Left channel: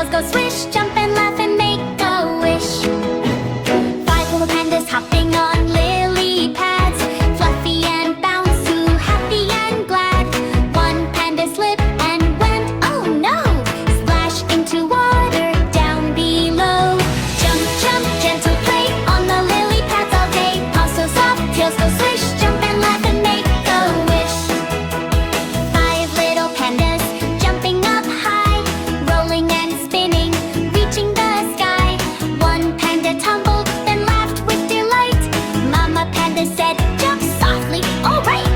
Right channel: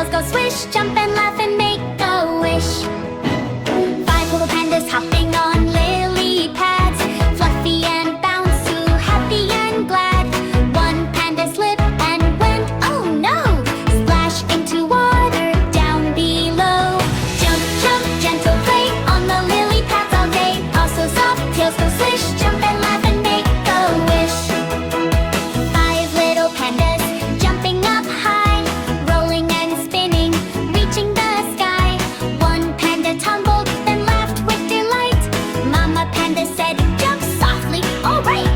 tails go swish, jump and laugh and make a wish. 5 little pandas hopping on lily pads, fluffy and bouncy, happy and glad. 1 panda slipped and went, oh no, splash into water down below. Jump, jump, gentle play on the lily pads all day. Paws so soft, tails go swish, jump and laugh and make a wish. 5 little pandas jumping up high, rolling and spinning, reaching the sky. 1 panda tumbled, then laughed with delight. Mama panda said, jump softly, all right.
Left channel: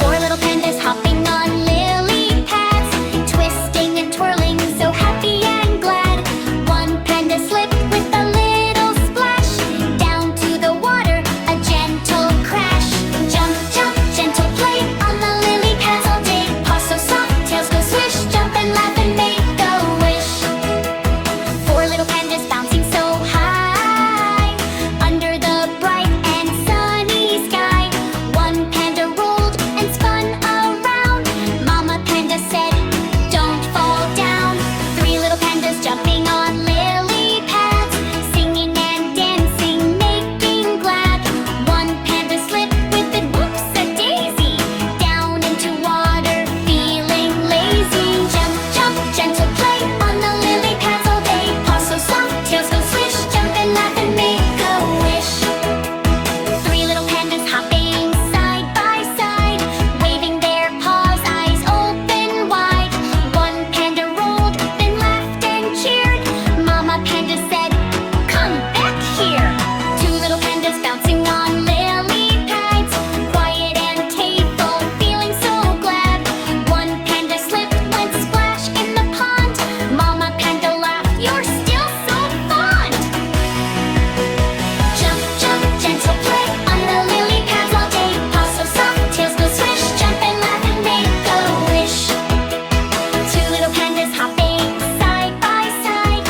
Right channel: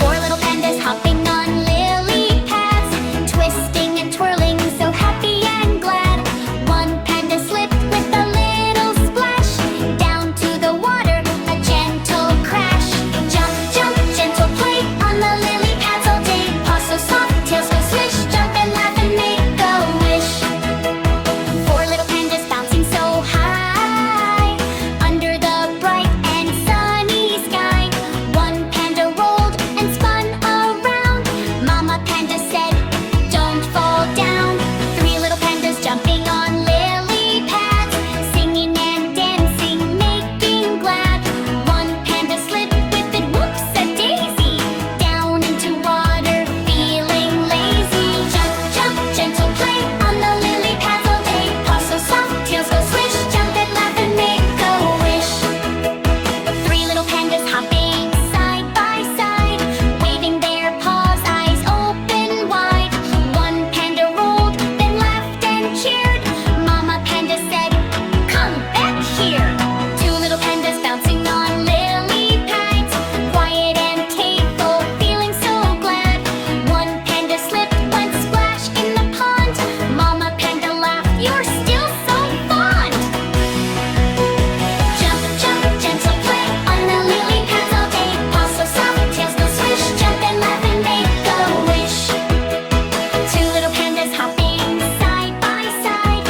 4 little pandas hopping on lily pads, twisting and twirling, so happy and glad. 1 panda slipped with a little splash, down to the water, a gentle crash. Jump, jump, gentle play on the lily pads all day. Paws so soft, tails go swish, jump and laugh and make a wish. 4 little pandas bouncing so high, under the bright and sunny sky. 1 panda rolled and spun around. Mama panda said, don't fall down. 3 little pandas jumping on lily pads, singing and dancing, making glad. 1 panda slipped with it, whoops a daisy, down into water, feeling lazy. Jump, jump, gentle play on the lily pads all day. Paws so soft, tails go swish, jump and laugh and make a wish. 3 little pandas hopping side by side, waving their paws, eyes open wide. 1 panda rolled, then laughed and cheered. Mama panda said, come back here. 2 little pandas bouncing on lily pads, quiet and playful, feeling so glad. 1 panda slipped, went splash in the pond. Mama panda laughed, you're still so fond. Jump, jump, gentle play on the lily pads all day. Paws so soft, tails go swish, jump and laugh and make a wish. 2 little pandas hopping side by side,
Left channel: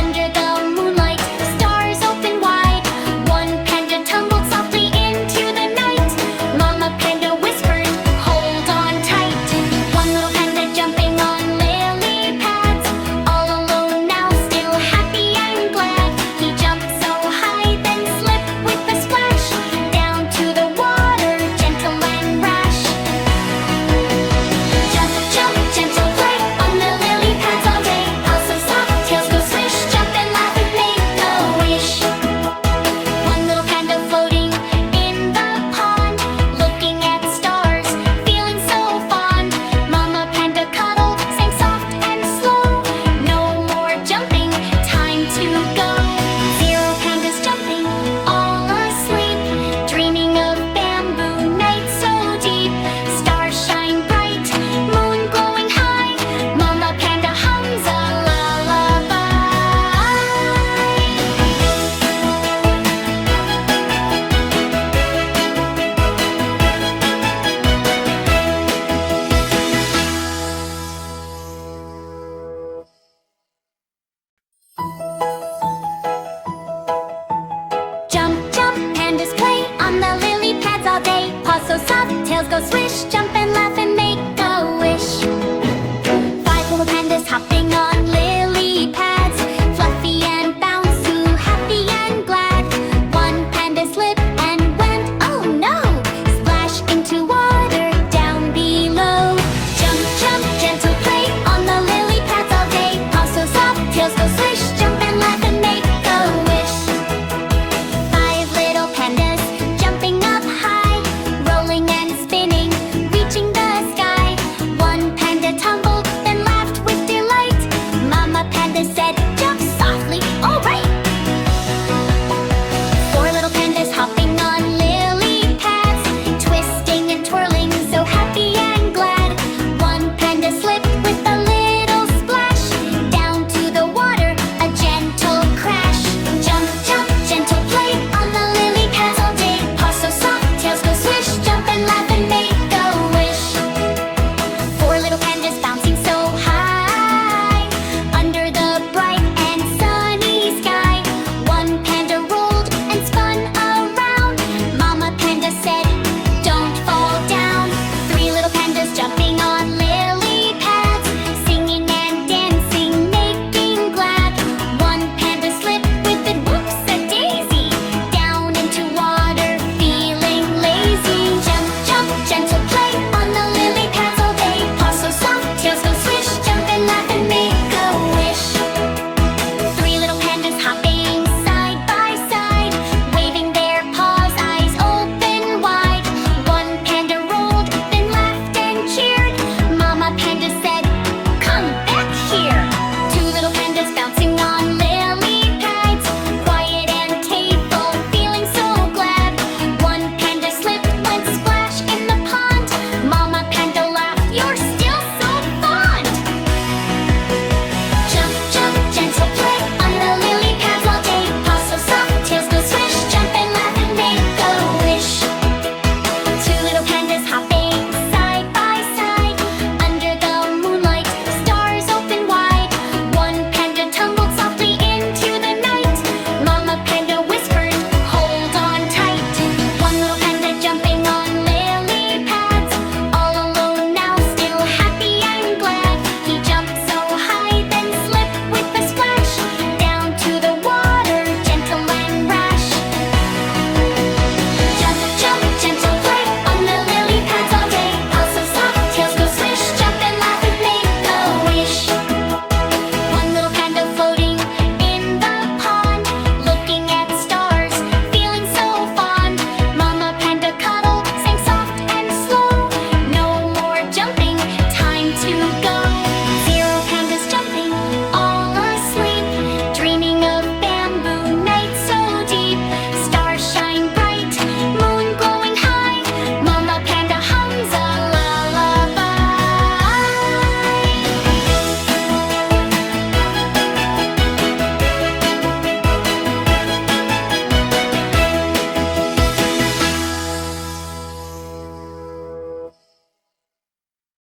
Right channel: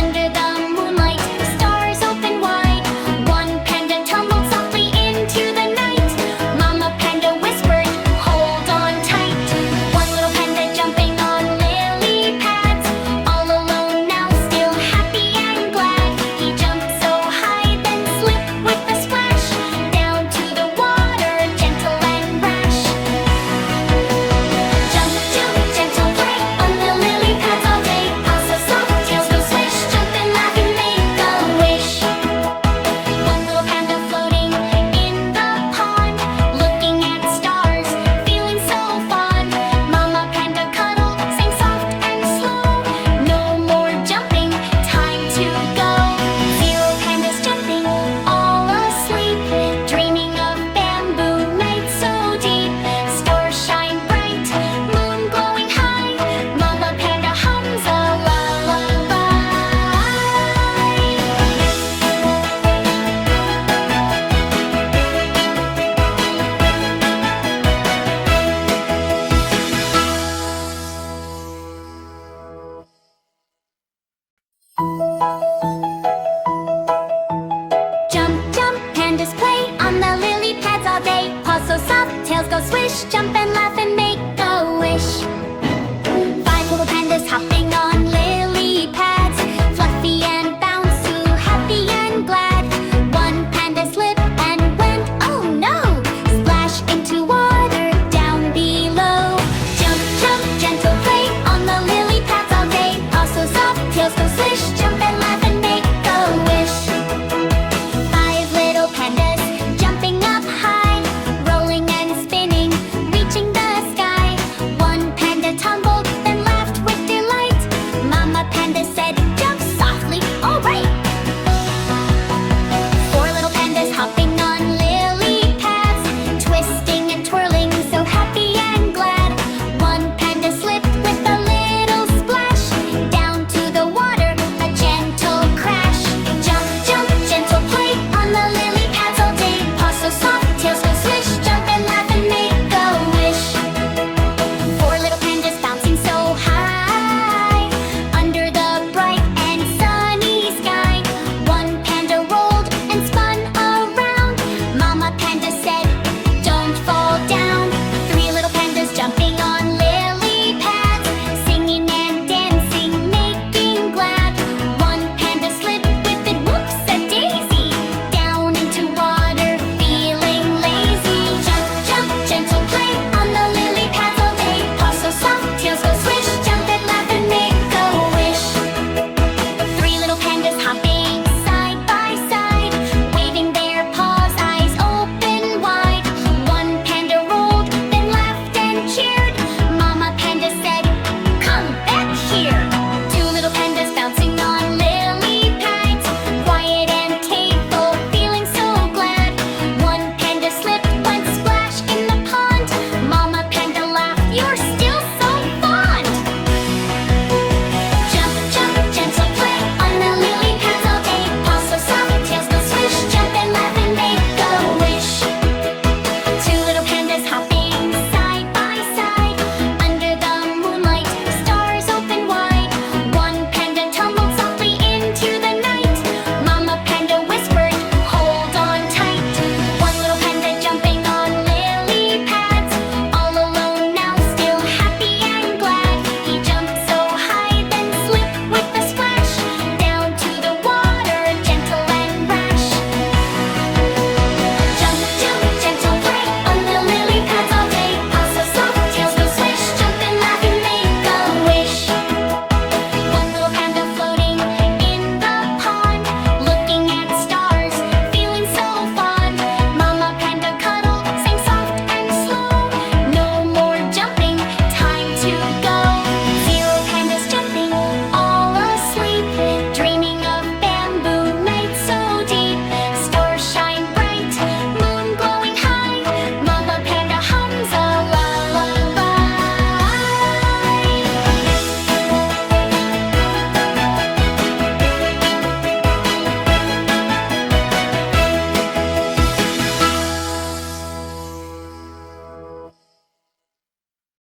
under the moonlight, stars open wide. 1 panda tumbled softly into the night. Mama panda whispered, hold on tight. 1 little panda jumping on lily pads, all alone now, still happy and glad. He jumped so high, then slipped with a splash, down to the water, gentle and rash. Jump, jump, gentle play on the lily pads all day. Paws so soft, tails go swish, jump and laugh and make a wish. 1 little panda floating in the pond, looking at stars, feeling so fond. Mama panda cuddled, sang soft and slow, no more jumping, time to go. 0 pandas jumping, all asleep, dreaming of bamboo nights so deep. Stars shine bright, moon glowing high, Mama panda hums a lullaby. Jump, jump, pandas play on the lily pads all day. Paws so soft, tails go swish, jump and laugh and make